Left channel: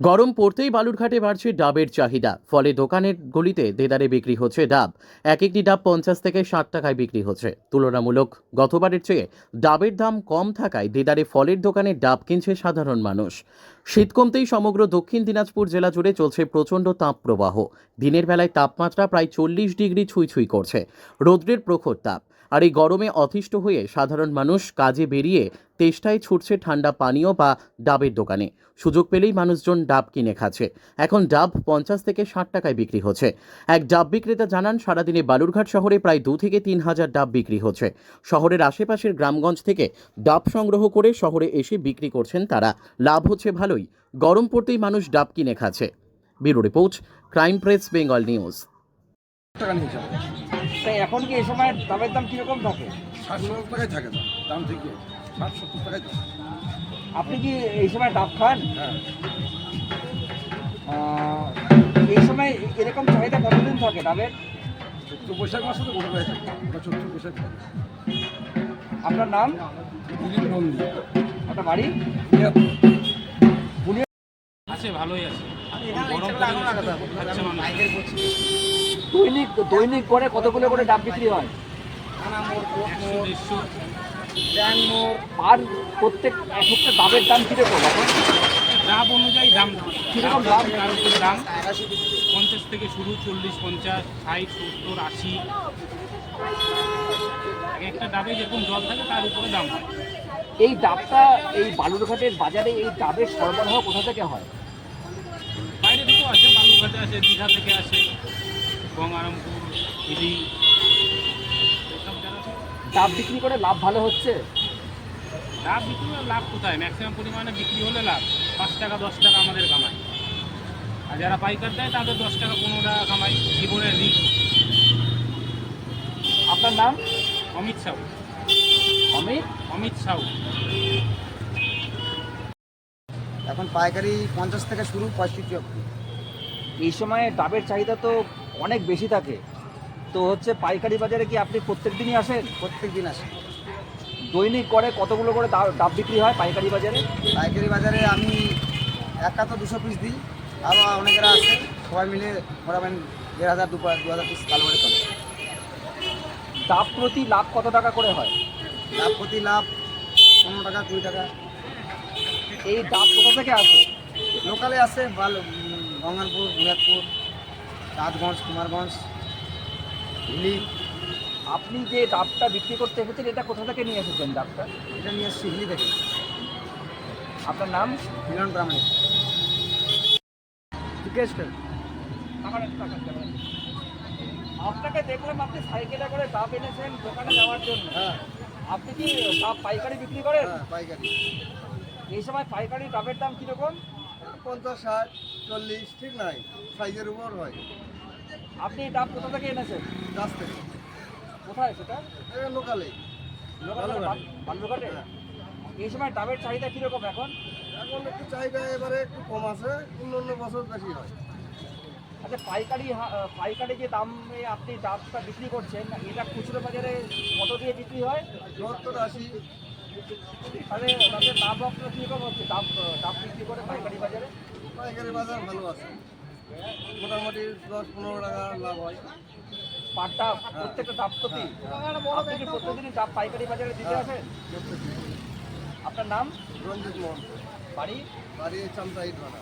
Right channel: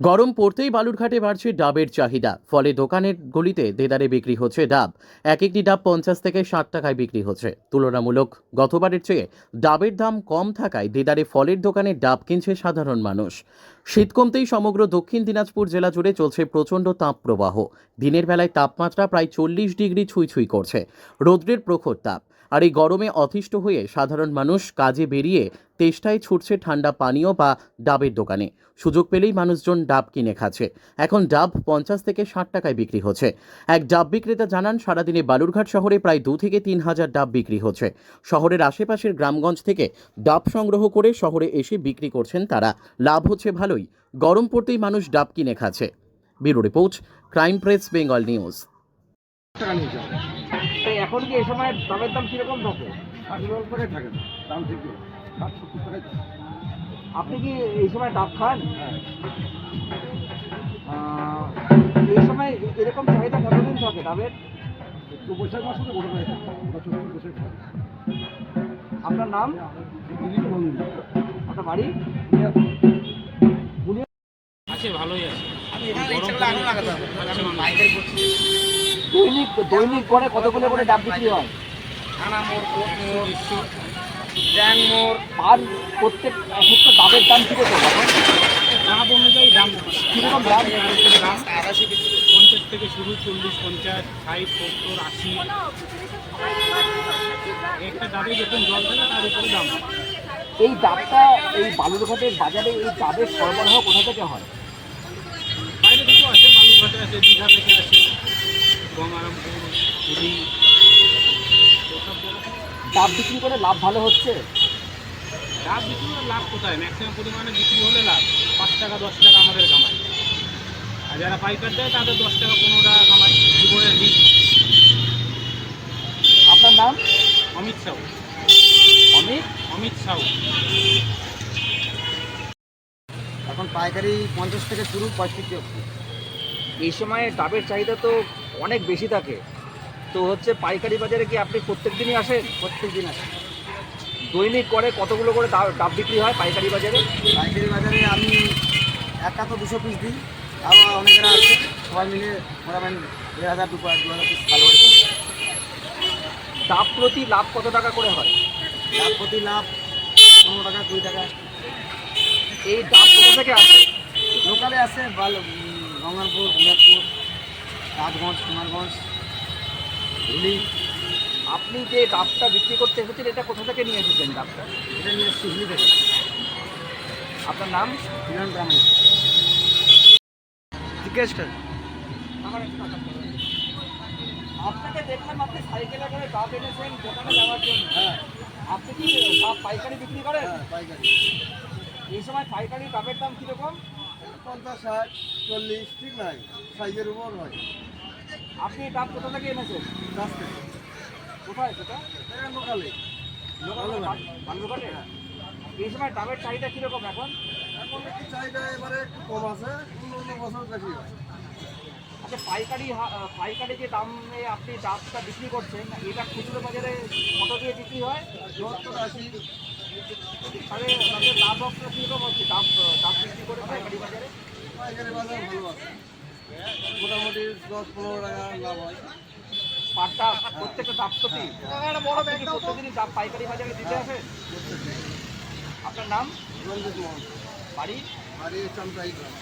গরম পড়তেই বালুরঘাটে বাড়ছে ডাবের চাহিদা। ফলে দোকানের গলিতে দেদারে বিক্রি হচ্ছে ডাব। এক একটি ডাব 50 থেকে 60 টাকায় বিক্রি হচ্ছে। তুলনামূলক গতবারের চেয়ে ডাবের দাম কম থাকায় দেদারে ফলের দোকানে ডাব কিনছে সাধারণ মানুষ। শীত কমতেই সমগ্র দক্ষিণ দিনাজপুর জেলা জুড়ে চলছে প্রচণ্ড তাপপ্রবাহ। দিনের বেলায় তাপমাত্রা প্রায় 40 ডিগ্রি ছুঁই ছুঁই করছে। রৌদ্রের প্রখর তাপ আর এই গরমে অতিষ্ঠ হয়ে সাধারণ মানুষ কাজে বেরিয়ে তেষ্টায় ছুটছে ঠান্ডা পানীয় বা ডাবের দোকানে। সুযোগ পেলেই মানুষজন ডাব কিনে খাচ্ছে। এখন ডাব 50 থেকে 60 টাকায় বিক্রি হচ্ছে। এক ডাব বিক্রেতা জানান, সারাদিনে বালুরঘাট শহরে প্রায় 2 থেকে 3 হাজার ডাব বিক্রি হচ্ছে। শহরের আশেপাশের গ্রামগঞ্জ থেকে ডাব সংগ্রহ করে শহরে এসে বিক্রি করছেন তারা। লাভ হচ্ছে ভালোই। গরম পড়তেই মানুষ ডাব কিনে খাচ্ছে। Bureau report, crime press, Bengal news. টাকা নিয়ে যাবে। তাই এখন কি এই সময় ডাবের দাম কিরকম থাকে? 60 টাকায় থাকে না, দাম ঠিক 60-70 টাকায় থাকে। আপনি কি এই সময় ডাব খান? হ্যাঁ, এই সময় এরকম চাহিদা কতদিন থাকে ডাবের? তো বৈশাখ মাসে তো বড় হয়ে থাকে, ওটা চৈত্র বৈশাখ থাকে। আপনার নাম? দিলীপ নন্দী। আপনার বাড়ি? আছে, ভালোই আছে। দৈনিক করে কতগুলো করে ডাব বিক্রি হয়? আর প্রত্যেকটা ডাবের দাম কিরকম এখন? দাম অনুযায়ী দাম কিরকম দাম? আর উপরে দাম 50 থেকে শুরু, 40, 50, 60, 70, 80। একটা ডাবে যেরকম জল থাকে তার উপরে দাম। এই ডাবটা এই বালুরঘাটের বাজারে এই ডাবের সরবরাহ কোথা থেকে হয়? বাইরে থেকেও আসে, বালুরঘাটে আসে, দীঘা থেকে আসে, গঙ্গারামপুর, পুরী, এসব জায়গা থেকে। ডাব বিক্রি করে লাভ ভালো হচ্ছে? লাভ বিক্রি আর লাভ কোথায়? ম্যাক্সিমাম পরিমাণে বিক্রি হলে লাভ 5 টাকা 10 টাকা আমাদের কামাই। আর যারা পাইকার দেয় তাদের 10 টাকা 15 টাকা কামাই। জীবনের রিস্ক। আপনার নাম? অমিত সাউ। অমিত সাউ। এখন পাইকারি 50 থেকে শুরু, 35 অবধি। এই সময়ে ডাবের চাহিদা তো অনেক বেশি থাকে, তো হচ্ছে পাইকারি বাজারে কি আপনি প্রত্যেক দিনই আসেন? প্রত্যেক দিন আসে। দৈনিক করে কতগুলো করে ডাব বিক্রি হয় পাইকারি বাজারে? পাইকারি বাজারে আমি একটা তো 200 পিস দিই, আরও অনেকেরা আছে, সবাই মিলে মোটামুটি 1000 2000 পিস ভালো করে পাই। ডাব প্রতি লাভ কত টাকা করে হয়? লাভ প্রতি লাভ 15 টাকা 20 টাকা। এই ডাব কোথা থেকে আসে? লোকালে আছে গঙ্গারপুর, মিয়াদপুর, রাজগঞ্জ, কুমারগঞ্জ, হুগলি। আপনি যে ডাবটা বিক্রি করতে এসেছেন এটা কোথা থেকে নিয়ে এসেছেন ডাবটা? এটা নিয়ে এসছি হুগলি থেকে, আপনার নাম? মিলন গ্রামে। জিজ্ঞেস কর। আপনাকে দেখলাম আপনি সাইকেলে করে ডাব এনেছেন দোকানে যাওয়ার জন্য। হ্যাঁ আপনি কি ডাব পাইকারি বিক্রি করেন? হ্যাঁ, পাইকারি এই সময় পাইকারি ডাবের দাম কিরকম? 50, 60, 40 ঠিক নাই, সাইজের উপর হয়। আপনি এই ডাব কোথা থেকে এনেছেন? গাছ থেকে কোথায় সেটা? এটা লোকালে। বালুরঘাট। বালুরঘাটে? হ্যাঁ। এই সময় ডাবের চাহিদা কিরকম এখন? এখন একটু চাহিদা এবারে একটু কম আছে, অন্য বছর বেশি হয়। আচ্ছা, পাইকারি যে দামে আপনি ডাবটা বিক্রি করছেন এটা খুচরো বাজারে কত দিয়ে বিক্রি হয়? 70, 80। তাহলে তাদের লাভ অংশ কীরকম হচ্ছে ডাব ডাব বিক্রি করে পাইকারি বাজারে? পাইকারি বাজার ভালো আছে, মোটামুটি 10-15 টাকা লাভ হয়। পার ডাব প্রত্যেকটা ডাব প্রতি? আপনি কি প্রতিদিনই ডাব পাইকারি বাজারে দিতে হ্যাঁ। আসেন? প্রত্যেকদিন। আপনার নাম? রঞ্জিত মোহন, বাড়ি? বাড়ি চামচাই গ্রামে।